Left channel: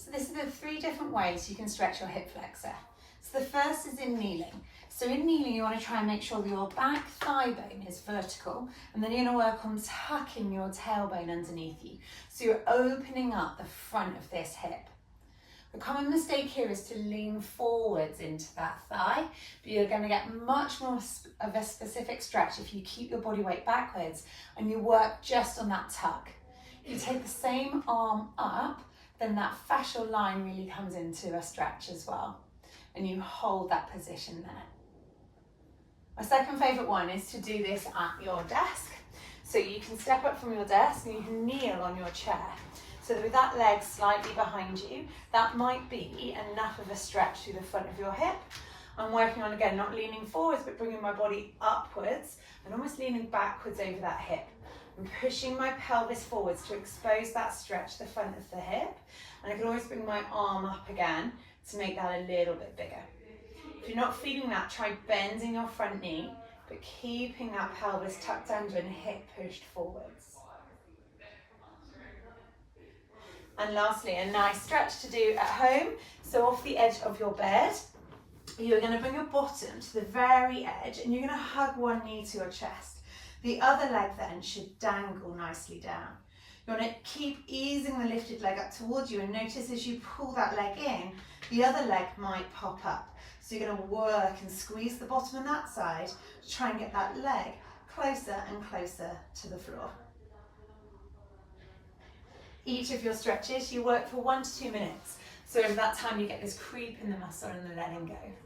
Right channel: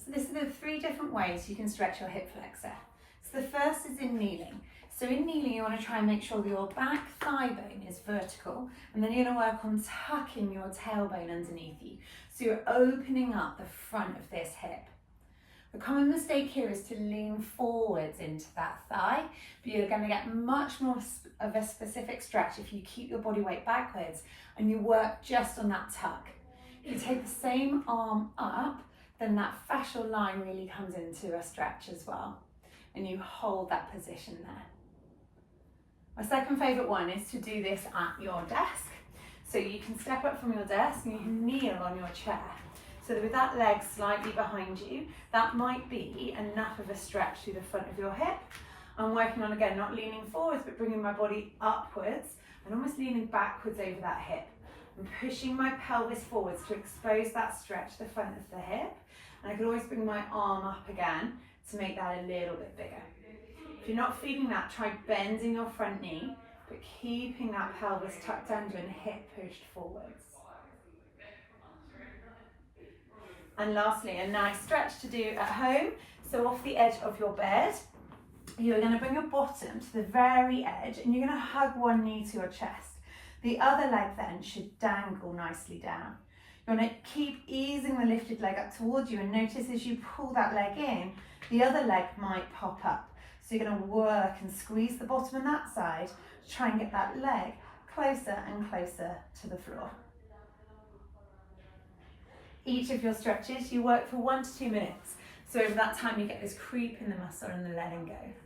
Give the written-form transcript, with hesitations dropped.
So this is the 3 different ways you can stretch your hip flexor. So the first is in kneeling. So in kneeling, you want to try and make sure that your back thigh bone is vertical, and then you're going to work on tucking your tailbone underneath you. So you're opening up the front of this hip. The common mistake here is to lean forwards into that thigh, but you're going to get much more of a specific stretch if you keep your body weight backwards and you work just on that tuck. If you take the same arm up, then that fascial line really comes into a stretch as well, and you hold that position there. My second favourite one is to do this at your desk. So you can step up from your desk and you can kneel on your chair. So with that leg slightly behind you, that might be enough of a stretch through the front of your hip. I'm working on, again, not leaning forwards, but bringing my body upwards and almost leaning backwards over that hip. I'm pushing my pelvis forwards to expose that stretch, the front of the hip. And I can always bring my arm up again to make that a little bit bigger. If you're not feeling that, try bending your front knee, but keeping that pelvis tucked under and hip pushed forwards. And lastly, a nice stretch to do at home. So off the edge of your bed, you're going to bring your bottom to the very edge and you're going to hug one knee to your chest. The other leg then should dangle nicely down. You want to keep easing the lifted leg up towards you, and notice as you pull that leg in, the other leg might pop up. So you're going to work and squeeze the bottom on that side to try and get that leg closer and closer to the floor. Each of your stretches, you work for 1 to 2 minutes. So over that time, you get this creep in the muscle and the letting go.